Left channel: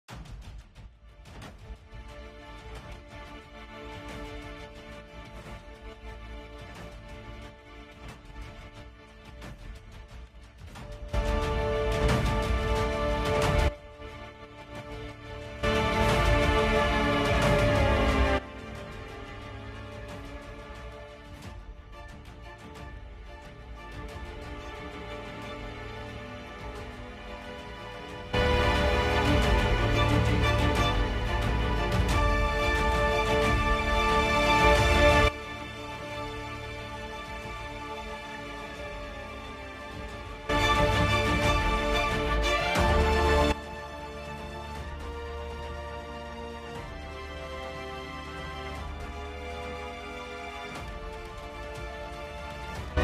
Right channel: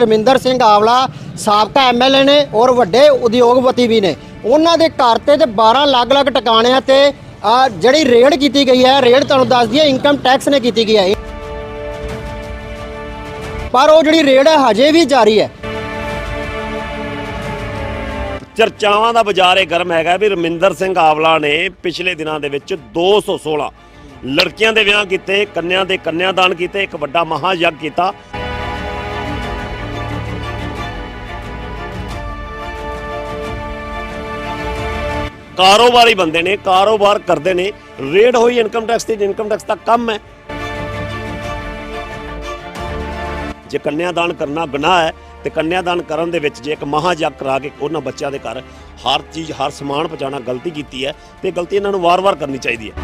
ਰਮਿੰਦਰ ਸਿੰਘ ਆਵਲਾ ਸਾਬਕਾ ਐਮਐਲਏ ਨੇ ਔਰ ਵੱਡੇ ਉਦਯੋਗਪਤੀ ਵੀ ਨੇ। ਉਹਨਾਂ ਦੇ ਘਰ ਤੇ ਤੇ 12 ਅਲੱਗ-ਅਲੱਗ ਟਿਕਾਣਿਆਂ ਤੇ ਜਿਹੜੀ ਰੇਡ ਕੀਤੀ ਗਈ ਹੈ, ਰੇਡ ਤੁਹਾਨੂੰ ਦੱਸ ਦਈਏ ਇਨਕਮ ਟੈਕਸ ਨੇ ਕੀਤੀ ਗਈ ਹੈ ਪਰ ਉਹ ਜਿਹੜੀ ਰੇਡ ਹੈ, ਹਜੇ ਵੀ ਜਾਰੀ ਹੈ। ਚਰਚਾਵਾਂ ਦਾ ਬਾਜ਼ਾਰ ਇਹ ਗਰਮ ਹੈਗਾ ਵੀ ਰਮਿੰਦਰ ਸਿੰਘ ਆਵਲਾ ਨੇ ਪਿਛਲੇ ਦਿਨਾਂ ਦੇ ਵਿੱਚ 216 ਲੜਕੀਆਂ ਦੇ ਵਿਆਹ ਕੀਤੇ, ਕੰਨਿਆਂ ਦੇ ਕੰਨਿਆਦਾਨ ਕੀਤੇ, ਇੱਕ ਵੱਡਾ ਮਹਾ ਯੱਗ ਕੀਤਾ। ਕਾਰੋਬਾਰੀ ਬੰਦੇ ਨੇ, ਕਾਰੋਬਾਰ ਕਰਦੇ ਨੇ, ਰੇਡ ਹੋਈ ਇਨਕਮ ਟੈਕਸ ਦੀ ਇਨਕਮ ਟੈਕਸ ਦਾ ਕੰਮ ਹੈ। ਜੇ ਕੰਨਿਆਦਾਨ ਕਰਨਾ ਗੁਨਾਹ ਹੈ, ਤੇ ਕੰਨਿਆਦਾਨ ਕਰਨ ਦੇ ਵਿੱਚ ਜੇ ਇੱਕ ਮਹਾਜਗ ਕਰਾ ਕੇ ਉਹਨਾਂ ਬੱਚਿਆਂ ਦੇ ਘਰ ਹਰ ਚੀਜ਼, ਹਰ ਸਮਾਨ ਪਹੁੰਚਾਉਣਾ ਗਲਤੀ ਕੀਤੀ ਹੈ, ਤੇ ਗਲਤੀ ਇਹਨਾਂ ਨੂੰ ਵਾਰ-ਵਾਰ ਕਰਨੀ ਚਾਹੀਦੀ ਹੈ।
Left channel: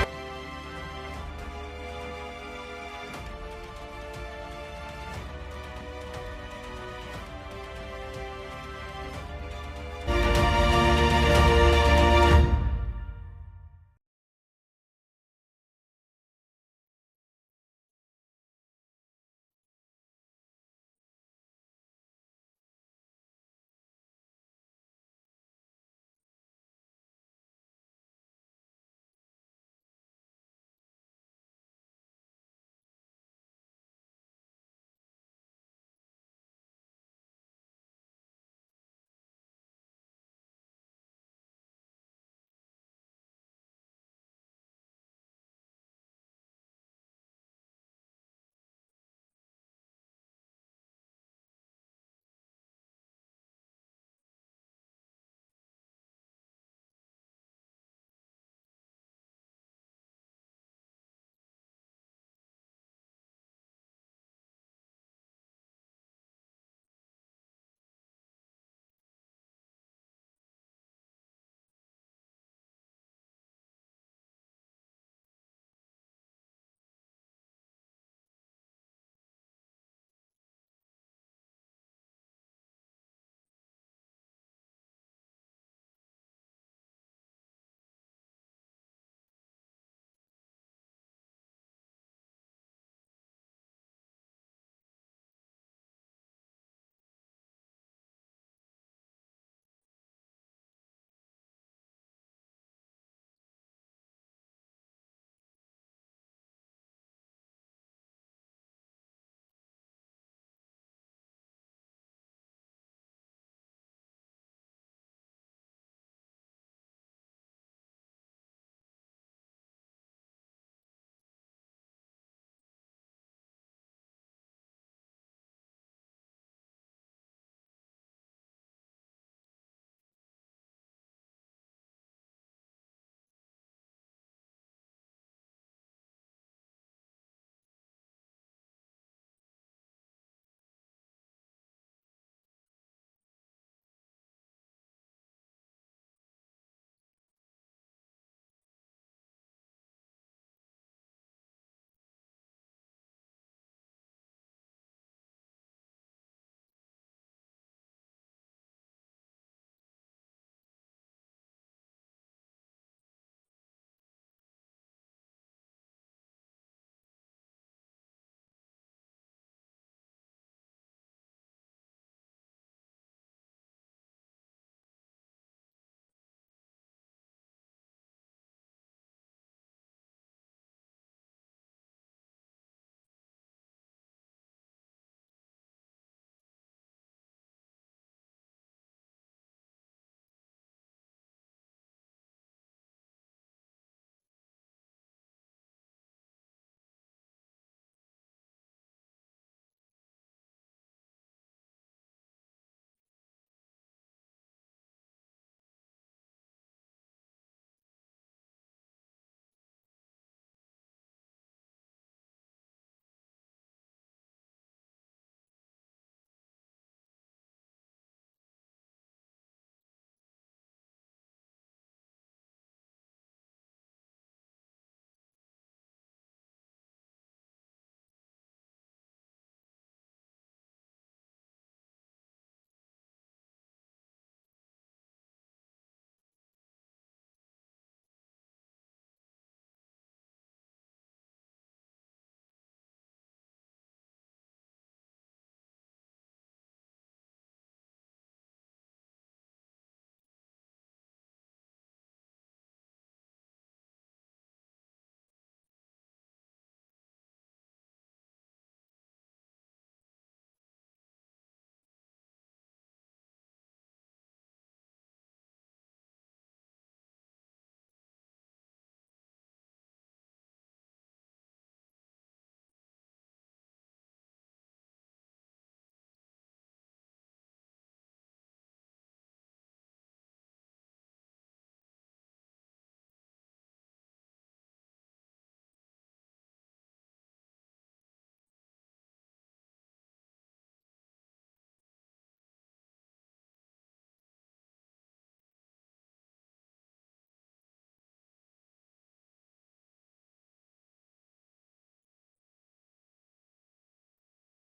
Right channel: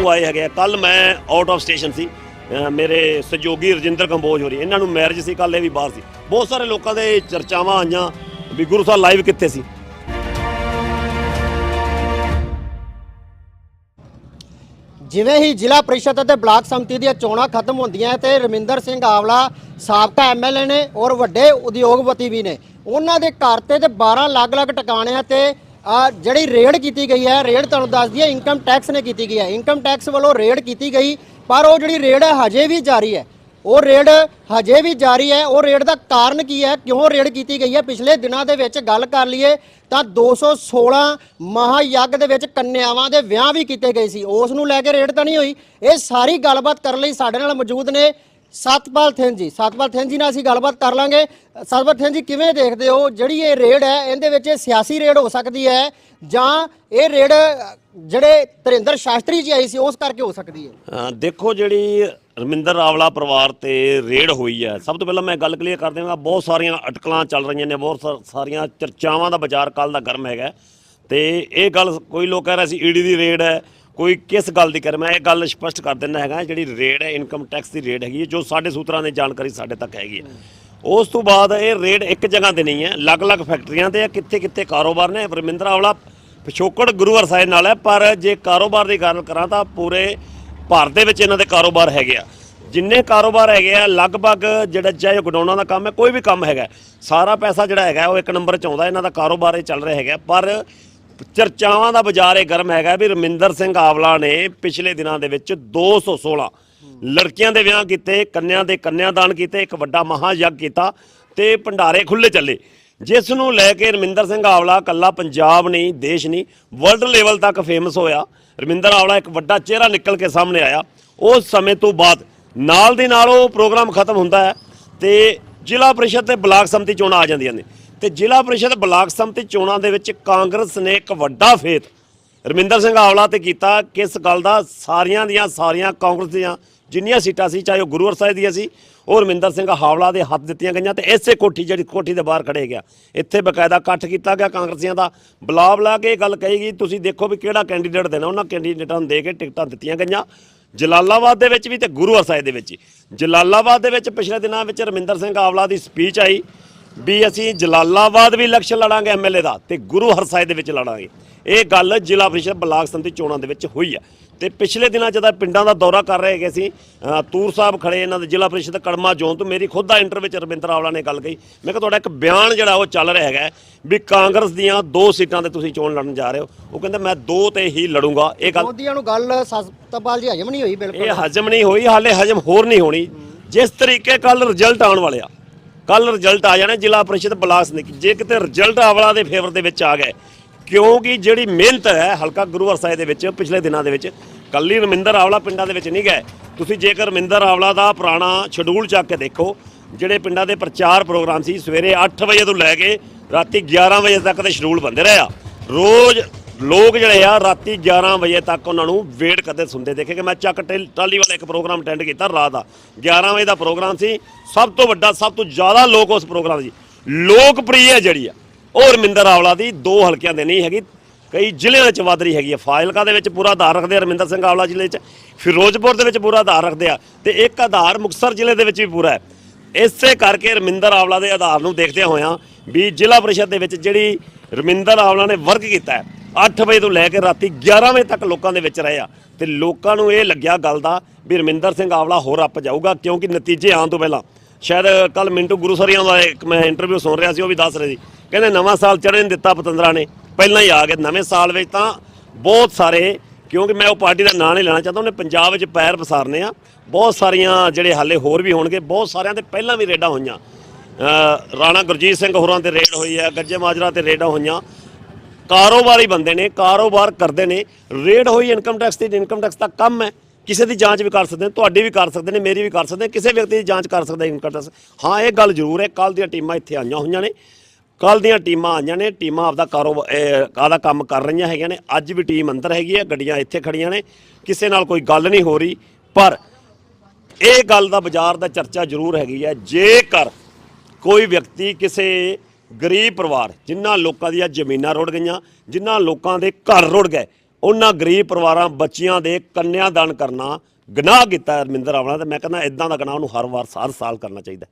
ਉਹ ਆਏ ਹੈਗੇ ਕੱਲ ਮੈਂ ਆਊਟ ਆਫ ਸਟੇਸ਼ਨ ਸੀ। ਮੇਰੇ ਸਹਿਯੋਗੀ ਰਜਿੰਦਰ ਕੰਬੋਜ ਹੋ ਰਹੀ ਇਹਨਾਂ ਨੂੰ ਮੈਰਿਜ ਸੀ ਕੱਲ ਇਹ ਵੀ ਬਾਹਰ ਸੀ। ਬਹੁਤ ਸਾਰੇ ਲੋਕਾਂ ਦੇ ਚਰਚਾਵਾਂ ਆਈਆਂ ਵੀ ਗੁਰੂ ਸਾਹਿਬ ਲਾਈਵ ਕਿੱਥੇ ਸੀ? ਜਿਵੇਂ ਹੀ ਜ਼ਿਲ੍ਹਾ ਪਰਿਸ਼ਦ ਅਤੇ ਬਲਾਕ ਸੰਮਤੀ ਦੀਆਂ ਚੋਣਾਂ ਖਤਮ ਹੁੰਦੀਆਂ ਤੇ ਰਮਿੰਦਰ ਸਿੰਘ ਆਵਲਾ ਸਾਬਕਾ ਐਮਐਲਏ ਨੇ ਔਰ ਵੱਡੇ ਉਦਯੋਗਪਤੀ ਵੀ ਨੇ, ਉਹਨਾਂ ਦੇ ਘਰ ਤੇ ਤੇ 12 ਅਲੱਗ-ਅਲੱਗ ਟਿਕਾਣਿਆਂ ਤੇ ਜਿਹੜੀ ਰੇਡ ਕੀਤੀ ਗਈ ਹੈ, ਰੇਡ ਤੁਹਾਨੂੰ ਦੱਸ ਦਈਏ ਇਨਕਮ ਟੈਕਸ ਨੇ ਕੀਤੀ ਗਈ ਹੈ। ਇਨਕਮ ਟੈਕਸ ਵੱਲੋਂ ਰੇਡ ਕੀਤੀ ਗਈ, ਪਰ ਉਹ ਜਿਹੜੀ ਰੇਡ ਹੈ, ਹਜੇ ਵੀ ਜਾਰੀ ਹੈ। ਉਹ ਰੇਡ ਹਜੇ ਵੀ ਜਾਰੀ ਹੈ। ਉਹ ਰੇਡ ਦਾ ਕਾਰਨ ਕੀ ਹੈ? ਕਿਉਂ ਰੇਡ ਕੀਤੀ ਗਈ ਹੈ? ਪਿਛਲੇ ਦਿਨਾਂ ਦੇ ਵਿੱਚ ਗੱਲ ਕਰ ਲਈਏ ਤਾਂ 216 ਮਹਾਯੱਗ ਦੇ ਵਿੱਚ ਕੰਨਿਆਵਾਂ ਦੇ ਵਿਆਹ ਵੀ ਕੀਤੇ ਗਏ ਸੀ। ਉਸ ਨੂੰ ਲੈ ਕੇ ਰੇਡ ਤਾਂ ਨਹੀਂ ਹੋਈ। ਇਹ ਸਾਰੀ ਗੱਲਬਾਤ ਕਰਨ ਲਈ ਸਾਡੇ ਨਾਲ ਮੌਜੂਦ ਨੇ ਸਤਪਾਲ ਥਿੰਨ ਜੀ। ਸਤਪਾਲ ਥਿੰਨ ਜੀ ਨਾਲ ਅਸੀਂ ਗੱਲਬਾਤ ਕਰ ਲਾਂਗੇ। ਸਤਪਾਲ ਥਿੰਨ ਜੀ, ਕਿਵੇਂ ਦੇਖਦੇ ਹੋ? ਜਿਹੜੀ ਇਹ ਰੇਡ ਹੈ, ਇਹਦੇ ਵਿੱਚ ਇਹ ਸਿਆਸੀ ਰੇਡ ਹੋ ਸਕਦੀ ਹੈ ਜਾਂ ਇਹ ਰੇਡ ਜਿਹੜੇ ਤਰਿੰਦਰ ਸ਼ਾਸਤਰੀ ਜੀ ਆਈ ਸੀ, ਉਸ ਕਰਕੇ ਹੋ ਸਕਦੀ ਹੈ? ਦੇਖੋ ਜਿਹੜੀ ਰਮਿੰਦਰ ਆਵਲਾ ਪਰਿਵਾਰ ਤੇ ਰੇਡ ਹੋਈ ਹੈ। ਸਭ ਤੋਂ ਪਹਿਲਾਂ ਮੈਂ ਗੱਲ ਕਲੀਅਰ ਕਰ ਦੇਵਾਂਗਾ ਬਹੁਤ ਸਾਰੀਆਂ ਅਟਕਲਾਂ ਚੱਲ ਰਹੀਆਂ ਨੇ, ਬਹੁਤ ਸਾ- ਸਾਰੀਆਂ ਚਰਚਾਵਾਂ ਦਾ ਬਾਜ਼ਾਰ ਕੱਲ ਦਾ ਗਰਮ ਹੈਗਾ। ਤੇ ਇਹ ਗੱਲ ਕੋਈ ਲੋਕ ਕਹਿ ਰਹੇ ਸੀ, ਈਡੀ ਦੀ ਰੇਡ ਹੈ, ਕੋਈ ਕਿਸ ਗੱਲ ਦੀ ਕਰ, ਮੈਂ ਇਹ ਗੱਲ ਸਪਸ਼ਟ ਕਰ ਦਿੰਦਾ ਹੈਗਾ, ਜਿਹੜੀ ਰੇਡ ਹੈ ਇਨਕਮ ਟੈਕਸ ਦੀ ਰੇਡ ਹੈਗੀ ਹੈ, ਜੋ ਸਾਡੇ ਸੂਤਰਾਂ ਨੇ ਜਾਣਕਾਰੀ ਸਾਡੇ ਤੱਕ ਹੈਗੀ ਹੈ। ਉਸ ਤੋਂ ਬਾਅਦ ਇਹ ਰੇਡ ਇੱਕ ਜਗ੍ਹਾ ਤੇ ਨਹੀਂ ਹੈ, ਅਲੱਗ-ਅਲੱਗ ਫੈਕਟਰੀਆਂ ਤੇ ਕਿੱਥੇ ਕਿੱਥੇ ਕਾਰੋਬਾਰ ਨੇ। ਰਮਿੰਦਰ ਆਵਲਾ ਪਿਛੋਕੜ ਗੁਰੂ ਸਾਹਿਬ ਨਾਲ ਹੈ, ਪਰ ਜੇ ਕਾਰੋਬਾਰ ਦੀ ਗੱਲ ਕਰਾਂ ਤਾਂ ਪੂਰੇ ਭਾਰਤ ਦੇ ਵਿੱਚ ਇਹਨਾਂ ਦੇ ਕਾਰੋਬਾਰ ਹੈਗੇ ਆ। ਜਿੰਨੇ ਕਾਰੋਬਾਰ ਹੈਗੇ ਆ, ਲਗਭਗ ਜਿਹੜਾ ਚਾਹੇ ਗਡਾਉਣਾ ਦਾ ਕੰਮ ਹੈ, ਕੋਈ ਵੀ ਕੰਮ ਹੈਗਾ, ਸਾਰਾ ਪੈਸਾ ਜਿਹੜਾ ਹੈਗਾ, ਉਹ ਇੱਕ ਨੰਬਰ 'ਚ ਆਉਂਦਾ, ਇਹਨਾਂ ਦਾ ਕਾਰੋਬਾਰ ਇਹ ਚੱਲ ਰਿਹਾ ਹੈਗਾ। ਪਰ ਚਰਚਾਵਾਂ ਦਾ ਬਾਜ਼ਾਰ ਇਹ ਗਰਮ ਹੈਗਾ ਵੀ ਰਮਿੰਦਰ ਸਿੰਘ ਆਵਲਾ ਨੇ ਪਿਛਲੇ ਦਿਨਾਂ ਦੇ ਵਿੱਚ 216 ਲੜਕੀਆਂ ਦੇ ਵਿਆਹ ਕੀਤੇ, ਕੰਨਿਆਂ ਦੇ ਕੰਨਿਆਦਾਨ ਕੀਤੇ, ਇੱਕ ਵੱਡਾ ਮਹਾ ਯੱਗ ਕੀਤਾ ਤੇ ਭੰਡਾਰੇ ਖੁੱਲੇ ਚੱਲੇ। ਜਿਸ ਨੂੰ ਲੈ ਕੇ ਰਮਿੰਦਰ ਸਿੰਘ ਆਵਲਾ ਕੱਲਾ ਪੰਜਾਬ ਨਹੀਂ, ਦੇਸ਼ ਨਹੀਂ ਵਰਲਡ ਲੈਵਲ ਤੱਕ ਫੇਮਸ ਹੋਇਆ। ਰਮਿੰਦਰ ਆਵਲਾ ਇੱਕ ਵੱਡਾ ਚਿਹਰਾ ਨਿਕਲ ਕੇ ਸਾਹਮਣੇ ਆਇਆ। ਉਸ ਸਮੇਂ ਤੋਂ ਬਾਅਦ ਨਾਲ ਦੀ ਨਾਲ ਉਹ ਪ੍ਰੋਗਰਾਮ ਖਤਮ ਹੁੰਦਾ ਹੈ ਤੇ ਜ਼ਿਲ੍ਹਾ ਪਰਿਸ਼ਦ ਤੇ ਬਲਾਕ ਸੰਮਤੀ ਚੋਣਾਂ ਆ ਜਾਂਦੀਆਂ ਨੇ। ਤੇ ਜ਼ਿਲ੍ਹਾ ਪਰਿਸ਼ਦ ਬਲਾਕ ਸੰਮਤੀ ਚੋਣਾਂ ਦੇ ਵਿੱਚ ਕਾਂਗਰਸ ਨੇ ਇੱਕ ਵੱਡਾ ਫੇਤ ਰਮਿੰਦਰ ਸਿੰਘ ਆਵਲਾ ਤੇ ਕੀਤਾ ਕਿਸ ਗੱਲ ਦਾ ਸਾਰੀਆਂ ਦੀਆਂ ਸਾਰੀਆਂ ਕਾਂਗਰਸ ਦੀਆਂ ਜਿੰਨੀਆਂ ਸੀਟਾਂ ਸੀ, ਚਾਹੇ ਉਹ ਗੁਰੂਵਰ ਸਾਹਿਬ ਦੀਆਂ ਸੀ ਉਹ ਰਮਿੰਦਰ ਸਿੰਘ ਹਾਵਲਾ ਦੇ ਹੱਥ ਦਿੱਤੀਆਂ ਗਈਆਂ ਤੇ ਇਸੇ ਕੋਠੀ ਜਿਹੜੀ ਕੋਠੀ ਦੇ ਬਾਹਰ ਖੜੇ ਗਿਆ। ਇੱਥੇ ਬਕਾਇਦਾ ਇਕੱਠ ਕੀਤਾ ਗਿਆ ਕਾਂਗਰਸੀਆਂ ਦਾ। ਬੁਲਾ ਬੁਲਾ ਕੇ ਇਹ ਗੱਲ ਕਹੀ ਗਈ, ਤੁਸੀਂ ਦੇਖੋ ਵੀ ਕਿਹੜਾ ਕੈਂਡੀਡੇਟ ਦੇਣਾ। ਉਹਨਾਂ ਕੈਂਡੀਡੇਟਾਂ ਨੂੰ ਦੇ ਕੇ ਟਿਕਟਾਂ ਦਿੱਤੀਆਂ ਗਈਆਂ। ਜਲਾਲਾਬਾਦ ਦੇ ਵਿੱਚ ਵੀ ਤੇ ਗੁਰੂ ਸਾਹਿਬ ਦੇ ਵਿੱਚ ਵੀ। ਜਲਾਲਾਬਾਦ ਦੇ ਵਿੱਚ ਪਿਛਲੇ ਦਿਨਾਂ ਵਿੱਚ ਰਮਿੰਦਰ ਸਿੰਘ ਆਵਲਾ ਦੀ ਸਪੀਚ ਆਈ ਵੀ ਅਸੀਂ ਜਲਾਲਾਬਾਦ ਵੀ ਇਲੈਕਸ਼ਨ ਲੜਾਂਗੇ ਐਮਐਲਏ ਦਾ ਤੇ ਗੁਰੂ ਹਰਸਾਏ ਦੇ ਵਿੱਚ ਲੜਾਂਗੇ। ਇਹ ਗੱਲ ਜ਼ਿਲ੍ਹਾ ਪ੍ਰੀਸ਼ਦ ਬਲਾਕ ਸੰਮਤੀ ਚੋਣਾਂ ਦੇ ਵਿੱਚ ਹੋਈ ਹੈ ਤੇ ਪਿਛਲੇ ਦਿਨਾਂ ਜਦੋਂ ਪਿੰਡਾਂ ਦਾ ਦੌਰਾ ਕਰ ਰਹੇ ਹੈਗੇ ਸੀ। ਤੂਰ ਸਾਹਿਬ ਖੜੇ ਇਹਨਾਂ ਦੇ ਜ਼ਿਲ੍ਹਾ ਪ੍ਰੀਸ਼ਦ ਕੜਮਾ ਜ਼ੋਨ ਤੋਂ। ਮੇਰੀ ਖੁਦ ਦਾ ਇੰਟਰ ਵਿੱਚ ਰਵਿੰਦਰ ਆਵਲਾ ਨੇ ਗੱਲ ਕਹੀ। ਮੈਂ ਕਿਹਾ ਤੁਹਾਡਾ ਇੱਕ ਬਿਆਨ ਜਿਹੜਾ ਉਹ ਚੱਲ ਰਿਹਾ ਹੈਗਾ ਵੀ ਕਾਂਗਰਸ ਦੀਆਂ ਦੋ ਸੀਟਾਂ ਤੇ ਤੁਸੀਂ ਚੋਣ ਲੜਨ ਜਾ ਰਹੇ ਹੋ। ਉਹ ਕਹਿੰਦਾ ਮੈਂ ਦੋ ਤੇ ਹੀ ਲੜੂੰਗਾ। ਇਹ ਗੱਲ ਮੋਦੀਆਂ ਨੂੰ ਗੱਲ ਸਤਪਾਲ ਜੀ ਹਜਮ ਨਹੀਂ ਹੋਈ ਬਿਲਕੁਲ। ਇਹ ਹਜਮ ਨਹੀਂ ਹੋਈ ਹਾਲੇ ਹਜਮ ਹੋਰ ਨਹੀਂ ਹੋਣੀ। ਜਿਸ ਤਰੀਕੇ ਕੱਲ ਰਿਜ਼ਲਟ ਆਉਣ ਵਾਲੇ ਆ। ਕੱਲ ਰਿਜ਼ਲਟ ਆ ਜਾਣਾ ਜ਼ਿਲ੍ਹਾ ਪ੍ਰੀਸ਼ਦ ਬਲਾਕ ਨੇ। ਜੇ ਕਿਤੇ ਰਿਜ਼ਲਟ ਆਵਲਾ ਦੇ ਫੇਵਰ ਦੇ ਵਿੱਚ ਆ ਗਏ ਕਿਉਂਕਿ ਜਿਹੜੀ ਮਿਹਨਤ ਹੈ, ਹਲਕਾ ਗੁਰੂ ਸਾਹਿਬ ਦੇ ਵਿੱਚ, ਪਿਛਲੇ ਦਿਨਾਂ ਦੇ ਵਿੱਚ, ਕੱਲੀ ਰਮਿੰਦਰ ਆਵਲਾ ਪਿੰਡਾਂ ਦੇ ਵਿੱਚ ਨਹੀਂ ਗਏ। ਤੁਸੀਂ ਜੇਕਰ ਰਮਿੰਦਰ ਆਵਲਾ ਦਾ ਪੁਰਾਣਾ ਸ਼ਡਿਊਲ ਚੱਕ ਕੇ ਦੇਖੋ, ਜਿਹੜੇ ਪਿੰਡਾਂ ਦੇ ਪ੍ਰਚਾਰ ਪ੍ਰੋਗਰਾਮ ਸੀ, ਸਵੇਰੇ 8 ਵਜੇ ਤੋਂ ਲੈ ਕੇ ਰਾਤੀ 11 ਵਜੇ ਤੱਕ ਦੇ ਸ਼ਡਿਊਲ ਬੰਦੇ ਰਹੇ ਆ। ਰੋਜ਼ ਲੋਕ ਜਿਹੜੇ ਆ, ਰਾਤੀ 11 ਵਜੇ ਤੱਕ ਉਹਨਾਂ ਨੂੰ ਵੇਟ ਕਰਦੇ ਸੁਣਦੇ ਦੇਖੇ ਕਿ ਮੈਂ ਚੱਕ ਟੈਲ- ਟਾਲੀ ਵਾਲਾ ਇੱਕ ਪ੍ਰੋਗਰਾਮ ਅਟੈਂਡ ਕੀਤਾ ਰਾਤ ਦਾ। 11 ਵਜੇ ਦਾ ਪ੍ਰੋਗਰਾਮ ਸੀ, ਸਭ ਤੋਂ ਵੱਡਾ, ਸਭ ਤੋਂ ਜ਼ਿਆਦਾ ਲੋਕ ਉਸ ਪ੍ਰੋਗਰਾਮ ਦੀ। ਲੋਕਪ੍ਰਿਯ ਜਿਹੜੀ ਆ ਉਹ ਰਮਿੰਦਰ ਆਵਲਾ ਦੀ ਦੋ ਹਲਕਿਆਂ ਦੇ ਨਹੀਂ ਹੈਗੀ, ਕਈ ਜ਼ਿਲ੍ਹਿਆਂ 'ਚ ਵੱਧ ਰਹੀ ਹੈਗੀ ਹੈ। ਫਾਜ਼ਿਲਕਾ ਦੇ ਵਿੱਚ ਪੂਰਾ ਆਧਾਰ ਰੱਖਦੇ ਆ, ਰਮਿੰਦਰ ਸਿੰਘ ਆਵਲਾ ਜ਼ਿਲ੍ਹੇ 'ਚ। ਫਿਰੋਜ਼ਪੁਰ ਦੇ ਵਿੱਚ ਪੂਰਾ ਆਧਾਰ ਰੱਖਦੇ ਆ ਤੇ ਇੱਕ ਆਧਾਰ ਮੁਕਤਸਰ ਜ਼ਿਲ੍ਹੇ ਦੇ ਵਿੱਚ ਵੀ ਪੂਰਾ ਹੈ। ਇਸੇ ਕਰਕੇ ਰਮਿੰਦਰ ਆਵਲਾ ਦੇ ਆਧਾਰ ਨੂੰ ਦੇਖਦਿਆਂ ਹੋਇਆਂ ਵੀ ਜ਼ਿਲ੍ਹਾ ਪਰਿਸ਼ਦ ਦੇ ਵਿੱਚ ਜਿਹੜੀ ਰਮਿੰਦਰ ਆਵਲਾ ਨੇ ਵਰਕ ਕੀਤਾ ਹੈ 8 ਵਜੇ ਤੋਂ ਲੈ ਕੇ ਰਾਤੀ 11 ਵਜੇ ਤੱਕ ਲੋਕਾਂ ਦੇ ਵਿੱਚ ਰਹੇ ਆ। ਤੇ ਲੋਕਾਂ ਨੂੰ ਇਹ ਲੱਗਿਆ ਗੱਲ ਦਾ ਵੀ ਰਮਿੰਦਰ ਸਿੰਘ ਆਵਲਾ ਹੋਰ ਅੱਪ ਜਾਊਗਾ, ਕਿਉਂਕਿ ਨਤੀਜੇ ਆਉਣ ਤੋਂ ਪਹਿਲਾਂ, ਸ਼ਾਇਦ ਕੱਲ ਮਿੰਟੂ ਗੁਰੂਸਰੀਆਂ ਦਾ ਇੱਕ ਮੈਂ ਇੰਟਰਵਿਊ ਸੁਣ ਰਿਹਾ ਸੀ, ਉਹ ਵੀ ਦੱਸ ਰਹੇ ਸੀ ਕਹਿੰਦੇ ਨਵਾਂ ਸਾਲ ਚੜ੍ਹਨ ਨਹੀਂ ਦਿੱਤਾ ਪਤੰਦਰਾ ਨੇ। ਪਹਿਲਾਂ ਹੀ ਆ ਗਏ। ਨਵੇਂ ਸਾਲ ਵਿੱਚ ਤਾਂ ਬਹੁਤ ਸਾਰੇ, ਕਿਉਂਕਿ ਮੈਂ ਉਹ ਪਾਰਟੀ ਦਾ ਨਾਂ ਨਹੀਂ ਲੈਣਾ ਚਾਹੁੰਦਾ, ਉਹਨੇ ਪੰਜਾਬ ਵਿੱਚ ਪੈਰ ਪਸਾਰਨੇ ਆ। ਬਹੁਤ ਸਾਰੀਆਂ ਜਿਹੜੇ ਹਾਲੇ ਹੋਰ ਵੀ ਹੋਣਗੇ, ਬਹੁਤ ਸਾਰਿਆਂ ਦੇ ਪਹਿਲਾਂ ਵੀ ਰੇਡਾਂ ਹੋਈਆਂ। ਰਾਣਾ ਗੁਰਜੀਤ ਸਿੰਘ ਹੋਰਾਂ ਤੇ ਰੇਡ ਹੋਈ ਹੈ ਗੱਜੇ ਮਾਜਰਾ ਤੇ ਰੇਡਾਂ ਹੋਈਆਂ। ਕਾਰੋਬਾਰੀ ਬੰਦੇ ਨੇ, ਕਾਰੋਬਾਰ ਕਰਦੇ ਨੇ। ਰੇਡ ਹੋਈ, ਇਨਕਮ ਟੈਕਸ ਦੀ, ਇਨਕਮ ਟੈਕਸ ਦਾ ਕੰਮ ਹੈ। ਕਿਸੇ ਦੀ ਜਾਂਚ ਵੀ ਕਰ ਸਕਦੇ ਨੇ, ਤੁਹਾਡੀ ਵੀ ਕਰ ਸਕਦੇ ਨੇ, ਮੇਰੀ ਵੀ ਕਰ ਸਕਦੇ ਨੇ, ਕਿਸੇ ਵਿਅਕਤੀ ਦੀ ਜਾਂਚ ਕਰ ਸਕਦਾ ਇਨਕਮ ਟੈਕਸ। ਹਾਂ, ਇਹ ਗੱਲ ਜ਼ਰੂਰ ਹੈ। ਕੱਲ ਦੀਆਂ ਟੀਮਾਂ ਇੱਥੇ ਆਈਆਂ ਹੋਈਆਂ ਨੇ। ਕੱਲ ਦੀਆਂ ਟੀਮਾਂ ਆਈਆਂ ਨੇ, ਟੀਮਾਂ ਆਪਦਾ ਕਾਰੋਬਾਰ ਆਦਾ ਕੰਮ ਕਰ ਰਹੀਆਂ ਹੈਗੀਆਂ ਨੇ। ਅੱਜ ਵੀ ਟੀਮ ਅੰਦਰ ਹੈਗੀ ਹੈ ਗੱਡੀਆਂ ਇੱਥੇ ਖੜੀਆਂ ਨੇ। ਕਿਸੇ ਨਾਲ ਕੋਈ ਗੱਲ ਨਹੀਂ ਹੋ ਰਹੀ, ਪਰ ਇਹ ਗੱਲ ਦਾ ਬਾਜ਼ਾਰ ਦਾ ਚਰਚਾ ਜ਼ਰੂਰ ਹੈਗੀ ਹੈ ਜੇਕਰ ਕੋਈ ਵਿਅਕਤੀ ਕਿਸੇ ਗਰੀਬ ਪਰਿਵਾਰ, ਜਿਨ੍ਹਾਂ ਲੋਕਾਂ ਦੀਆਂ ਜ਼ਮੀਨਾਂ ਰੁੜ ਗਈਆਂ, ਜਿਨ੍ਹਾਂ ਲੋਕਾਂ ਦੇ ਘਰ ਰੁੜ ਗਏ, ਉਹਨਾਂ ਗਰੀਬ ਪਰਿਵਾਰਾਂ, ਬੱਚਿਆਂ ਦੇ ਕੰਨਿਆਦਾਨ ਕਰਨਾ, ਗੁਨਾਹ ਕੀਤਾ ਹੈ ਰਮਿੰਦਰ ਆਵਲਾ ਤੇ ਮੈਂ ਕਹਿੰਦਾ ਇਦਾਂ ਦਾ ਗੁਨਾਹ ਉਹਨੂੰ ਹਰ ਵਾਰ, ਹਰ ਸਾਲ ਕਰਨਾ ਚਾਹੀਦਾ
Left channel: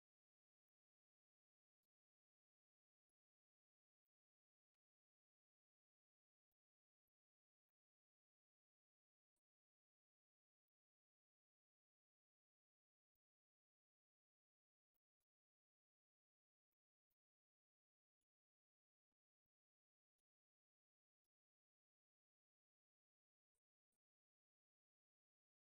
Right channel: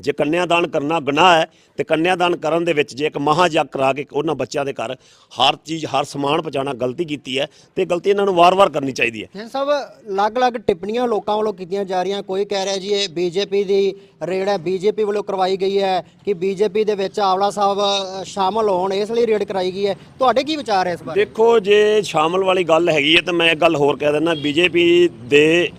ਜੇ ਕੰਨਿਆਦਾਨ ਕਰਨਾ ਗੁਨਾਹ ਹੈ ਤੇ ਕੰਨਿਆਦਾਨ ਕਰਨ ਦੇ ਵਿੱਚ ਜੇ ਇੱਕ ਮਹਾਜਗ ਕਰਾ ਕੇ ਉਹਨਾਂ ਬੱਚਿਆਂ ਦੇ ਘਰ ਹਰ ਚੀਜ਼ ਹਰ ਸਮਾਨ ਪਹੁੰਚਾਉਣਾ ਗਲਤੀ ਕੀਤੀ ਹੈ ਤੇ ਗਲਤੀ ਇਹਨਾਂ ਨੂੰ ਵਾਰ-ਵਾਰ ਕਰਨੀ ਚਾਹੀਦੀ ਹੈ। ਸਭ ਅਲੱਗ-ਅਲੱਗ ਟਿੱਪਣੀਆਂ ਲੋਕਾਂ ਵੱਲੋਂ ਕੀਤੀਆਂ ਜਾ ਰਹੀਆਂ। ਕੋਈ ਕਹਿ ਰਿਹਾ ਜੀ ਇਹ ਬੀਜੇਪੀ ਦੀ ਰੇਡ ਹੈ ਬੀਜੇਪੀ ਵੱਲੋਂ ਕਰਵਾਈ ਗਈ ਹੈ ਕਿ ਬੀਜੇਪੀ ਦੇ ਵਿੱਚ ਆਵਲਾ ਸਾਹਿਬ ਸ਼ਾਮਲ ਹੋਣ ਇਸ ਲਈ ਰੇਡ ਕਰਾਈ ਗਈ ਹੈ। ਤੁਹਾਡੇ ਕੀ ਵਿਚਾਰ ਹੈ ਇਸ ਬਾਰੇ? ਦੇਖੋ ਜੇ ਸ਼ਾਮਲ ਵਾਲੀ ਗੱਲ ਹੈਗੀ ਹੈ ਤਾਂ ਮੈਂ ਇੱਕ ਗੱਲ ਹੋਰ ਕਹਿ ਦਿੰਦਾ ਬੀਜੇਪੀ ਦੇ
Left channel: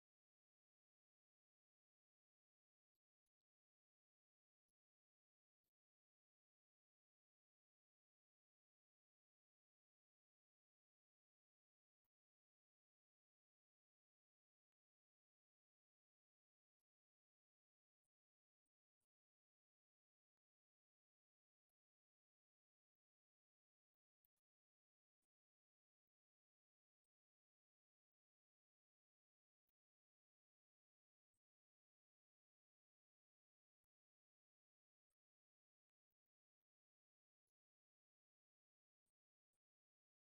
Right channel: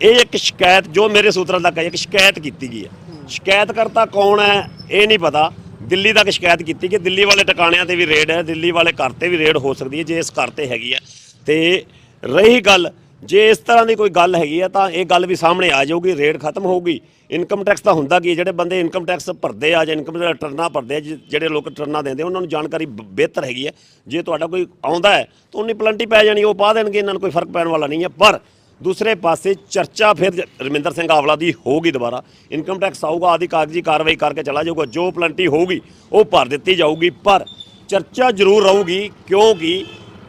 ਇਹ ਇੱਕ ਸ਼ਿਕਾਇਤ ਜੋ ਮੇਰੇ ਸੂਤਰਾਂ ਤੱਕ ਹੈ ਇੱਕ ਸ਼ਿਕਾਇਤ ਕੀਤੀ ਗਈ ਹੈ। ਸ਼ਿਕਾਇਤ ਕਰਤਾ ਕੌਣ ਹੈ ਇਹ ਨਹੀਂ ਪਤਾ। ਦਿੱਲੀ ਤੱਕ ਸ਼ਿਕਾਇਤ ਕੀਤੀ ਕਿ ਦਿੱਲੀ ਵਾਲੇ ਟਿਕਾਣਿਆਂ ਤੇ ਵੀ ਰੇਡ ਹੈ ਦਿੱਲੀ ਵਾਲੇ ਘਰ ਤੇ ਵੀ ਰੇਡ ਹੋ ਸਕਦੀ ਹੈ ਜੇ ਇਸ ਘਰ ਤੇ ਹੈਗੀ ਹੈ। ਤੇ ਰਹੀ ਗੱਲ ਜੇ ਇਸ ਤਰ੍ਹਾਂ ਦੀ ਕੋਈ ਗੱਲ ਹੈਗੀ ਹੈ ਤਾਂ ਇਹ ਗੱਲ ਵੀ ਸਾਹਮਣੇ ਆ ਜਾਊਗੀ ਰੇਡ ਖਤਮ ਹੋਊਗੀ। ਇਨਕਮ ਟੈਕਸ ਤਾਂ ਹੁੰਦਾ ਕੀ ਹੈ, ਜਿਹੜੇ ਬੰਦੇ ਇਨਕਮ ਟੈਕਸ ਭਰਦੇ ਆ ਜਾਂ ਇਨਕਮ ਦਾ ਭਰਦੇ ਆ ਜਿ- ਜਿਹੜੇ ਲੋਕ ਰਿਟਰਨਾਂ ਦਿੰਦੇ ਉਹਨਾਂ ਨੂੰ ਜਾਣਕਾਰੀ ਬਿਹਤਰ ਹੈਗੀ ਹੈ। ਜੇ ਤੁਹਾਡਾ ਕੋਈ ਆਉਂਦਾ ਹੈ ਤਾਂ ਉਹਨੀ ਪਲੰਟੀ ਪੈ ਜਾਣੀ ਉਹ ਪਾ ਦੇਣਗੇ ਇਹਨਾਂ ਨੂੰ ਕੋਈ ਫ਼ਰਕ ਪੈਣ ਵਾਲਾ ਨਹੀਂ ਹੈ। ਪਰ ਦੂਸਰੇ ਪਾਸੇ ਚਰਚਾ ਫਿਰ ਰਮਿੰਦਰ ਸਿੰਘ ਆਵਲਾ ਦੀ ਹੋਊਗੀ ਦੁਬਾਰਾ। ਇਨਕਮ ਟੈਕਸ ਆਊਗਾ, ਆਦੀ ਕਾਗਜ਼ੀ ਕਾਰਵਾਈ ਕਰਕੇ ਚਲਾ ਜਾਊਗਾ, ਜੋ ਪਲੰਟੀ ਹੋਊਗੀ, ਉਹ ਭਰ ਦਿੱਤੀ ਜਾਊਗੀ। ਪਰ ਚਰਚਾ ਜ਼ਰੂਰ ਰਹੂਗੀ, ਕਿਉਂਕਿ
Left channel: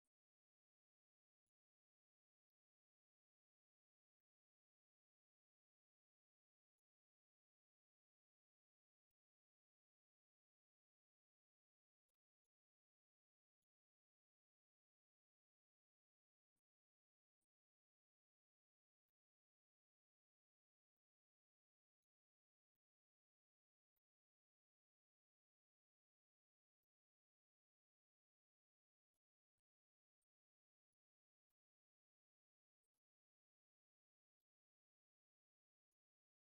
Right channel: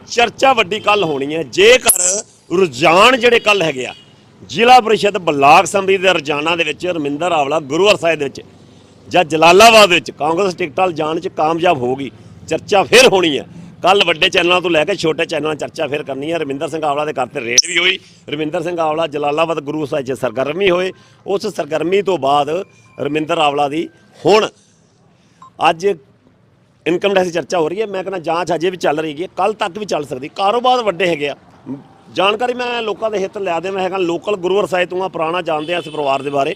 ਚਰਚਾ ਵੱਡੀ ਕੱਲ ਹੋਣੀ ਹੈ। ਜੇਕਰ ਰੁਝਾਨ ਜਿਹੜੇ ਕੱਲ ਹੈਗੇ ਆ, ਜ਼ਿਲ੍ਹਾ ਪਰਿਸ਼ਦ ਬਲਾਕ ਸੰਮਤੀ ਦੇ ਰੁਝਾਨਾਂ ਦੇ ਵਿੱਚ ਰਮਿੰਦਰ ਆਵਲਾ ਗੁਰੂਵਾਰ ਸਾਹਿਬ ਦੇ ਵਿੱਚ ਜਾਂ ਜਲਾਲਾਬਾਦ ਵਿੱਚ ਕਾਂਗਰਸ ਟਿਕਟਾਂ ਜਾਣ 'ਚ ਕਾਮਯਾਬ ਹੋਊਗੀ, ਚਰਚਾ ਫਿਰ ਹੋਣੀ ਹੈ। ਕੱਲ ਵੱਡੇ ਚੈਨਲਾਂ ਤੋਂ ਲੈ ਕੇ ਛੋਟੇ ਚੈਨਲਾਂ ਚਰਚਾ ਫਿਰ ਕਰਨੀ ਹੈ। ਰਮਿੰਦਰ ਸਿੰਘ ਆਵਲਾ ਦੇ ਘਰ ਤੇ ਰੇਡ ਵੀ ਹੋਈ। ਰਵਿੰਦਰ ਸਿੰਘ ਆਵਲਾ ਜਲਾਲਾਬਾਦ ਗੁਰੂ ਸਾਹਿਬ 'ਚ ਸਰਗਰਮੀ ਹੋਏ। ਉਸ ਸਰਗਰਮੀ ਤੋਂ ਬਾਅਦ ਰਮਿੰਦਰ ਆਵਲਾ ਦੀ ਹੁਣ ਅੱਜ ਇਨਕਮ ਟੈਕਸ ਦੀ ਚਰਚਾ ਹੋ ਰਹੀ ਹੈ। ਮੈਂ ਕਹਿੰਦਾ ਜਾਂਚ ਅਜੇ ਵੀ ਚੱਲ ਰਹੀ ਹੈ। ਕੱਲ ਤੱਕ ਵੀ ਚੱਲ ਸਕਦੀ। ਕਾਰੋਬਾਰ ਵੱਡੇ ਹੈਗੇ ਆ। ਜਾਣਕਾਰੀ ਮੈਂ ਲੋਕਾਂ ਦੇ ਹਿੱਤ ਲਿਆ ਦੇ ਮੈਂ ਹੈਗਾ ਲੋਕਲ ਗੁਰੂਵਰ ਸਾਹਿਬ ਤੋਂ ਆ। ਪੁਰਾਣਾ ਜਾਣਦੇ ਆ ਇਸ ਪਰਿਵਾਰ ਦੇ ਬਾਰੇ।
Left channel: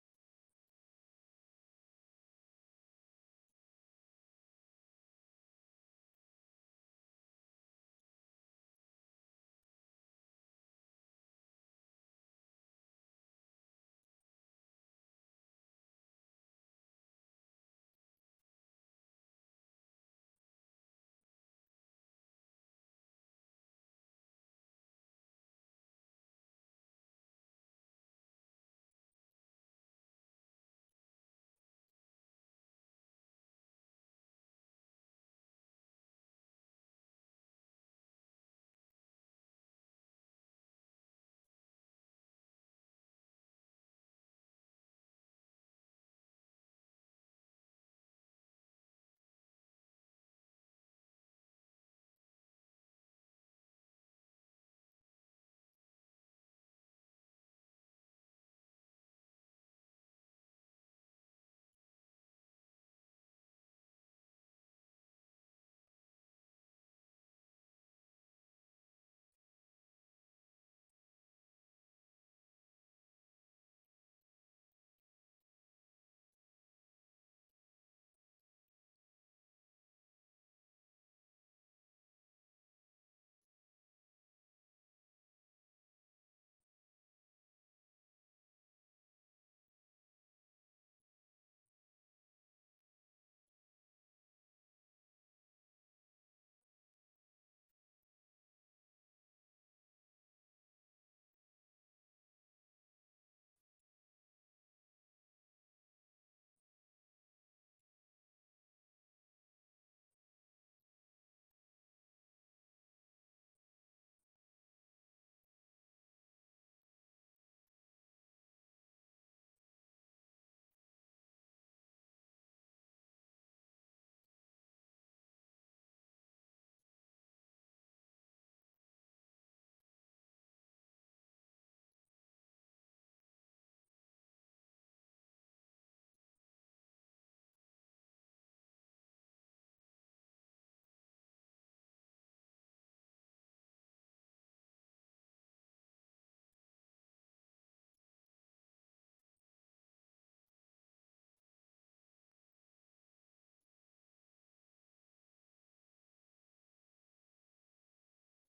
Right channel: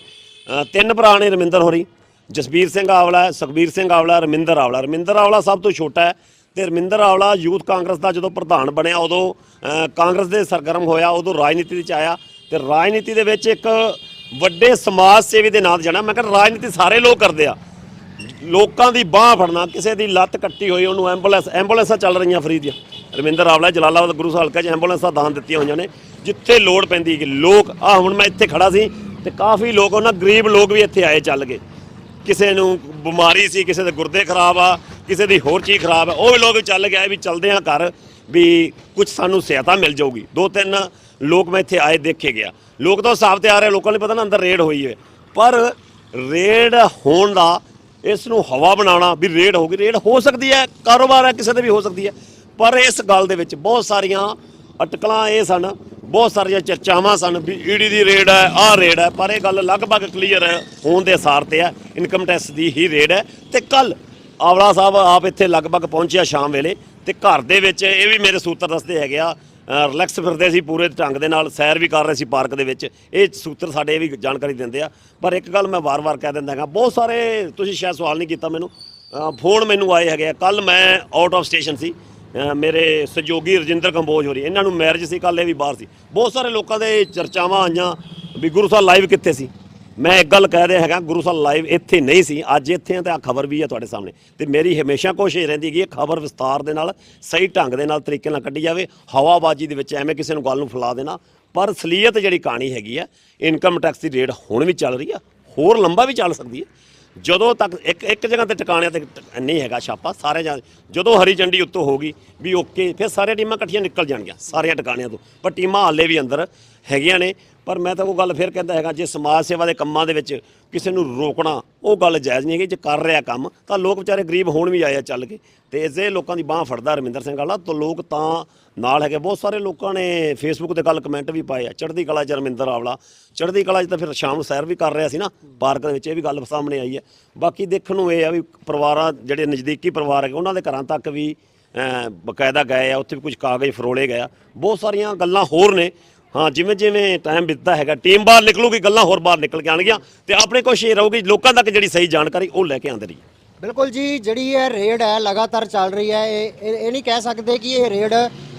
ਤਿੰਨ ਭਰਾ ਨੇ ਰਮਿੰਦਰ ਹੋਰੀ। ਜਸਬੀਰ ਸਿੰਘ ਆਵਲਾ, ਸੁਖਬੀਰ ਸਿੰਘ ਆਵਲਾ ਰਮਿੰਦਰ ਆਵਲਾ। ਰਮਿੰਦਰ ਆਵਲਾ ਸਭ ਤੋਂ ਛੋਟਾ ਹੈ। ਤੇ ਰਮਿੰਦਰ ਆਵਲਾ ਯੂਥ ਕਾਂਗਰਸ ਦਾ ਜਦੋਂ ਪ੍ਰਧਾਨ ਬਣਿਆ, ਉਦੋਂ ਕਾਂਗਰਸ ਦੇ ਸਰਗਰਮ ਹੋਇਆ, ਉਦੋਂ ਰਾਜਨੀਤੀ ਵਿੱਚ ਆਇਆ ਤੇ ਰਾਜਨੀਤੀ ਦੇ ਵਿੱਚ ਇੱਕ ਵੱਡੇ ਸਮਾਜ ਸੇਵੀ ਦੇ ਨਾਂ ਤੇ ਜਾਣਾ। ਮੈਂ ਕਹਿੰਦਾ ਰਾਜਨੀਤੀ ਸਾਰੇ ਲੋਕ ਕਰਦੇ ਆ। ਲੋਕਾਂ ਦੀ ਬਾਹ ਫੜਨਾ, ਕਿਸੇ ਦੀ ਲੱਤ ਕੱਟੀ ਹੋਈ, ਉਹਨੂੰ ਐਂਬੂਲੈਂਸ, ਐਂਬੂਲੈਂਸਾਂ ਚੱਲ ਰਹੀਆਂ ਫਰੀ ਦੀਆਂ। ਰਵਿੰਦਰ ਆਵਲਾ ਜਲਾਲਾਬਾਦ ਗੁਰੂ ਸਾਹਿਬ ਹਲਕਾ 'ਚ ਐਂਬੂਲੈਂਸਾਂ ਦਾਨ ਦਿੱਤੀਆਂ ਹੋਈਆਂ ਨੇ, ਜਿੱਥੇ ਲੋੜ ਪੈਂਦੀ ਕਿ ਲੋਕ ਆ ਹੁਣ ਮੈਂ ਇੱਥੇ ਖੜਾ ਸੀ ਤੇ ਕਾਫੀ ਲੋਕ, ਉਹਨਾਂ ਗਰੀਬ ਲੋਕ ਵੀ ਇੱਥੇ ਆਏ ਚੱਲ ਗਏ। ਕਿਸੇ ਨੂੰ ਬਿਮਾਰੀ ਸੀ, ਕਿਸੇ ਦੇ ਗੁਰਦੇ ਖਰਾਬ ਆ ਕਿਸੇ ਦੀ ਹੋਰ ਚੀਜ਼ ਖਰਾਬ ਹੈ, ਉਹ ਵੀ ਲੋਕ ਚੱਲ ਗਿਆ ਵੀ ਚਲਦੇ ਆ ਘਰ ਵੀ ਕੁਝ ਸਾਨੂੰ ਸਹਾਇਤਾ ਮਿਲ ਜਾਊਗੀ। ਦੋ ਤਿੰਨ ਲੋਕ ਮੈਂ ਇੱਥੇ ਆਏ ਦੇਖੇ ਗਿਆ। ਲੋਕ ਤਾਂ ਹਿਸਾਬ ਤੇ ਆ ਰਹੇ ਲੋਕਾਂ ਨੂੰ ਪਤਾ ਨਾ ਅੰਦਰ ਰੇਡ ਹੋਈ ਹੈ। ਪਰ ਰੇਡ ਹੋਣ ਦਾ ਇਸ ਨੂੰ ਹਵਾ ਬਣਾਉਣਾ ਵੀ ਰੇਡ ਗਈ, ਰੇਡ ਹੋ ਸਕਦੀ ਹੈ, ਕਾਰੋਬਾਰ ਹੈ, ਕਿਸੇ ਦੇ ਵੀ ਹੋ ਸਕਦੀ ਹੈ। ਪਰ ਇਸ ਗੱਲ ਦੇ ਵਿੱਚ ਬਹੁਤ ਸਾਰੀਆਂ ਅਟਕਲਾਂ ਇਹ ਸਨ, ਬਹੁਤ ਸਾਰੀਆਂ ਚਰਚਾਵਾਂ ਸਨ ਵੀ ਈਡੀ ਦੀ ਰੇਡ ਹੈ, ਆਹ ਰੇਡ ਹੈ, ਪਰ ਇਹ ਗੱਲ ਲਗਭਗ ਕਲੀਅਰ ਹੋਣ ਦੇ ਆਸਾਰ ਤੇ ਹੈ ਇਨਕਮ ਟੈਕਸ ਦੀ ਹੀ ਰੇਡ ਹੈ। ਤੇ ਕੱਲ ਆਵਲਾ ਸਾਹਿਬ ਆਪ ਇੱਥੇ ਲਗਭਗ ਪਹੁੰਚਿਆ ਸ਼ਾਮ ਵੇਲੇ ਤੇ ਘਰ ਦੇ ਵਿੱਚ ਇਹ ਵੀ ਮੇਰੇ ਸੂਤਰ ਦੱਸਦੇ ਹੈਗੇ ਆ ਰਿਲੈਕਸ ਫਿਰਦੇ ਸੀ ਪੂਰੇ ਢੰਗ ਦੇ ਨਾਲ, ਸੈਰ ਵੀ ਕਰ ਰਹੇ ਸੀ ਪਾਰਕ ਦੇ ਵਿੱਚ। ਇਹ ਸੂਤਰ ਸਾਡੇ ਇਹ ਵੀ ਜਾਣਕਾਰੀ ਦਿੰਦੇ ਆ। ਪਰ ਇੱਕ ਗੱਲ ਮੈਂ ਵਾਰ-ਵਾਰ ਕਹਿ ਦਿੰਦਾ ਹੈਗਾ, ਬਹੁਤ ਸਾਰੇ ਤੁਸੀਂ ਸ਼ਾਇਦ ਸਵਾਲ ਨਹੀਂ ਕੀਤਾ ਮੈਨੂੰ ਫੋਨ ਮੈਨੂੰ ਆਏ ਹੈਗੇ ਆ। ਕੱਲ ਮੈਂ ਆਊਟ ਆਫ ਸਟੇਸ਼ਨ ਸੀ ਮੇਰੇ ਸਹਿਯੋਗੀ ਰਜਿੰਦਰ ਕੰਬੋਜ ਹੋਰੀ, ਇਹਨਾਂ ਨੂੰ ਮੈਰਿਜ ਸੀ ਕੱਲ ਇਹ ਵੀ ਬਾਹਰ ਸੀ। ਬਹੁਤ ਸਾਰੇ ਲੋਕਾਂ ਦੇ ਚਰਚਾਵਾਂ ਆਈਆਂ ਵੀ ਗੁਰੂ ਸਾਹਿਬ ਲਾਈਵ ਕਿੱਥੇ ਸੀ? ਮੈਂ ਇੱਕ ਗੱਲ ਕਹਿ ਰਿਹਾ ਹੈਗਾ, ਗੁਰੂ ਸਾਹਿਬ ਲਾਈਵ ਇੱਥੇ ਨਹੀਂ ਸੀ, ਅੱਜ ਇੱਥੇ ਆ ਤੇ ਆ ਖਬਰ ਵੀ ਹੈ ਤੁਹਾਡੇ ਸਾਹਮਣੇ। ਤੇ ਮੇਰੀ ਹਮੇਸ਼ਾ ਕੋਸ਼ਿਸ਼ ਰਹਿੰਦੀ ਹੈਗੀ ਇਹ ਖਬਰ ਵਿਸਤਾਰ ਦੇ ਨਾਲ, ਸਹੀ ਢੰਗ ਦੇ ਨਾਲ, ਤਰੀਕੇ ਨਾਲ ਕੱਢੀ ਜਾਵੇ, ਹਵਾਬਾਜ਼ੀ ਦੇ ਵਿੱਚ ਐਵੇਂ ਕਿਸੇ ਨੂੰ ਗੱਲ ਨੂੰ ਫੈਲਾ ਦੇਣਾ। ਪਰ ਅਸਲੀਅਤ ਜਿਹੜੀ ਕਹਾਣੀ ਹੈਗੀ ਆ ਇਨਕਮ ਟੈਕਸ ਦੀ ਰੇਟ ਹੁਣ ਵੀ ਚੱਲ ਰਹੀ ਆ ਹੋਰ ਲੰਬਾ ਵੀ ਚੱਲ ਸਕਦੀ ਹੈ। ਜਦੋਂ ਤੱਕ ਇੱਕ ਇੱਕ ਜਗ੍ਹਾ ਤੇ ਟਿਕਾਣਿਆਂ ਤੇ ਨਹੀਂ ਹੈਗਾ ਛਾਪਾ ਸਾਰੇ ਜਦੋਂ ਹਰੀ ਝੰਡੀ ਉੱਤੋਂ ਹੋਗੀ ਵੀ ਓਕੇ ਫਿਰ ਸਾਰੀਆਂ ਟੀਮਾਂ ਇਕੱਠੀਆਂ ਨਿਕਲ ਜਾਣਗੀਆਂ, ਸਾਰੀਆਂ ਟਿਕਾਣਿਆਂ ਤੋਂ। ਪਰ ਟੀਮਾਂ ਹਾਲੇ ਵੀ ਅੰਦਰ ਹੈਗੀਆਂ ਨੇ, ਪਰ ਮੈਂ ਤਾਂ ਉਹ ਗੱਲ ਫਿਰ ਕਹਿੰਦਾ ਹੈਗਾ, ਜੇ ਸਮਾਜ ਸੇਵਾ ਦੇ ਕੰਮਾਂ ਦੇ ਵਿੱਚ ਕਿਸੇ ਨੂੰ ਰੋਕਣਾ, ਉਹ ਗੱਲ ਜਾਇਜ਼ ਨਹੀਂ ਹੈਗੀ, ਜੇ ਕਰ ਰਿਹਾ ਕੰਮ, ਤਾਂ ਲੋਕ ਵਿਚਾਰੇ ਗਰੀਬ ਹੋਣ ਵੀ ਆਏ ਆ ਚੱਲ ਕੇ। ਤੇ ਇਸੇ ਲੋਕਾਂ ਦੀ ਬਾਹ ਫੜਦਾ ਰਮਿੰਦਰ ਸਿੰਘ ਵਾਲਾ, ਤਾਂ ਲੋਕ ਤਾਂ ਨਾਲ ਹੈਗੇ, ਬਹੁਤ ਸਾਰੇ ਲੋਕਾਂ ਨੇ ਫੇਸਬੁੱਕ ਤੇ ਗੱਲ ਕਮੈਂਟ ਵੀ ਪਾਏ ਆ, ਚੜ੍ਹਦੀ ਕਲਾ ਚ ਰਮਿੰਦਰ ਆਵਲਾ, ਚੜ੍ਹਦੀ ਕਲਾ ਚ ਤਾਂ ਫਿਰ ਸ਼ਾਮ ਨੂੰ ਸੈਰ ਵੀ ਕਰ ਰਿਹਾ ਸੀ ਨਾ, ਪਾਰਕ ਦੇ ਵਿੱਚ ਇਹ ਵੀ ਗੱਲ ਸਾਹਮਣੇ ਆਈ ਹੈ। ਬਾਕੀ ਦੇਖਣ ਨੂੰ ਇਹ ਆ ਵੀ ਪਰਿਵਾਰਾਂ ਜਿਹੜੇ ਨਜ਼ਦੀਕੀ ਪਰਿਵਾਰ ਹੈਗੇ, ਉਹਨਾਂ ਦੇ ਘਰਾਂ ਤੱਕ ਵੀ ਬਕਾਇਦਾ ਗਏ ਆ, ਉੱਥੇ ਵੀ ਕੁਝ ਕਾਗਜ਼ ਫਰੋਲੇ ਗਏ ਆ। ਬਹੁਤ ਸਾਰੀਆਂ ਗੱਲਾਂ ਹੋਰ ਨੇ ਹਾਂ, ਜਿਵੇਂ ਜਿਵੇਂ ਟਾਈਮ ਬੀਤਦਾ ਹੈਗਾ ਟੀਮ ਬਾਹਰ ਨਿਕਲੂਗੀ, ਗੱਲਾਂ ਹੋਰ ਬਾਹਰ ਨਿਕਲ ਕੇ ਆਣਗੀਆਂ ਤੇ ਆਪਣੇ ਕੋਸ਼ਿਸ਼ ਰਹੂਗੀ ਲੋਕਾਂ ਤੱਕ ਜਿਹੜੀ ਸਹੀ ਜਾਣਕਾਰੀ ਉਹ ਲੈ ਕੇ ਆਂਦੇ ਰਹੀ ਬਿਲਕੁਲ ਜੀ, ਜਿਹੜੀ ਇਹ ਰੇਡ ਹੈ, ਲਗਾਤਾਰ ਚੱਲ ਰਹੀ ਹੈ, ਇਹ ਇਹ ਨਹੀਂ ਕਹਿ ਸਕਦੇ ਕਿ ਇਹ ਰੇਡ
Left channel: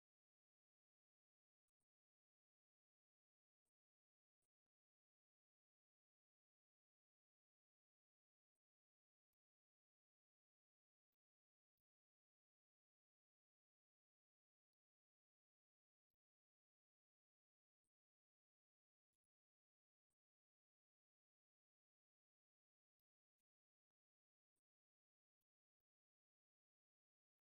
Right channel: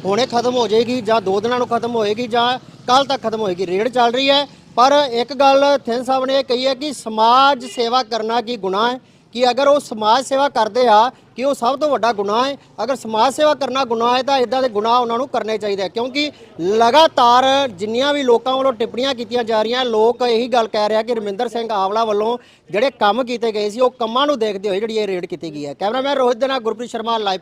ਹੁਣੇ ਖਤਮ ਹੋ ਜਾਏਗੀ ਜਾਂ ਦੋ ਦਿਨਾਂ ਨੂੰ ਖਤਮ ਹੋਏਗੀ ਜਾਂ ਕੱਲ ਤੱਕ ਖਤਮ ਹੋਏਗੀ। ਰੇਡ ਚੱਲ ਰਹੀ ਹੈ, ਪਰ ਇੱਕ ਗੱਲ, ਥਿੰਨ ਸਾਹਿਬ ਨੇ ਇਹ ਕਹੀ ਹੈ ਕਿ ਸਮਾਜ ਸੇਵਾ ਕਰਨਾ ਕੀ ਗੁਨਾਹ ਹੈ? ਕਿ ਅਗਰ ਉਹ ਸਮਾਜ ਸੇਵਾ ਕਰਦੇ ਆ, ਕਿ ਉਹ ਸਭ ਤੋਂ ਵੱਡਾ ਗੁਨਾਹ ਹੈ। ਅਗਰ ਸਮਾਜ ਸੇਵਾ ਕਰਨਾ ਗੁਨਾਹ ਹੈ, ਤਾਂ ਇਦਾਂ ਦੇ ਗੁਨਾਹ ਉਹਨਾਂ ਨੂੰ ਕਰਨੇ ਚਾਹੀਦੇ ਕਿਉਂਕਿ ਲਗਾਤਾਰ ਜਿੰਨੀਆਂ ਵੀ ਲੋਕਾਂ ਵੱਲੋਂ ਟਿੱਪਣੀਆਂ ਕੀਤੀਆਂ ਜਾ ਰਹੀਆਂ, ਲੋਕ ਇਹੀ ਗੱਲ ਕਹਿ ਰਿਹਾ ਕਿ ਰਮਿੰਦਰ ਸਿੰਘ ਆਵਲਾ ਵੱਲੋਂ ਜਿਹੜੇ ਕੰਮ ਕੀਤੇ ਗਏ ਸੀ, ਉਹ ਕੰਮਾਂ ਨੂੰ ਦੇਖਦੇ ਹੋਏ ਜਿਹੜੀ ਇਹ ਰੇਡ ਕੀਤੀ ਗਈ ਹੈ। ਕੈਮਰਾਮੈਨ ਰੋਹਿਤ ਦੇ ਨਾਲ ਗੁਰਪ੍ਰੀਤ ਸ਼ਰਮਾ, ਲਾਈਵ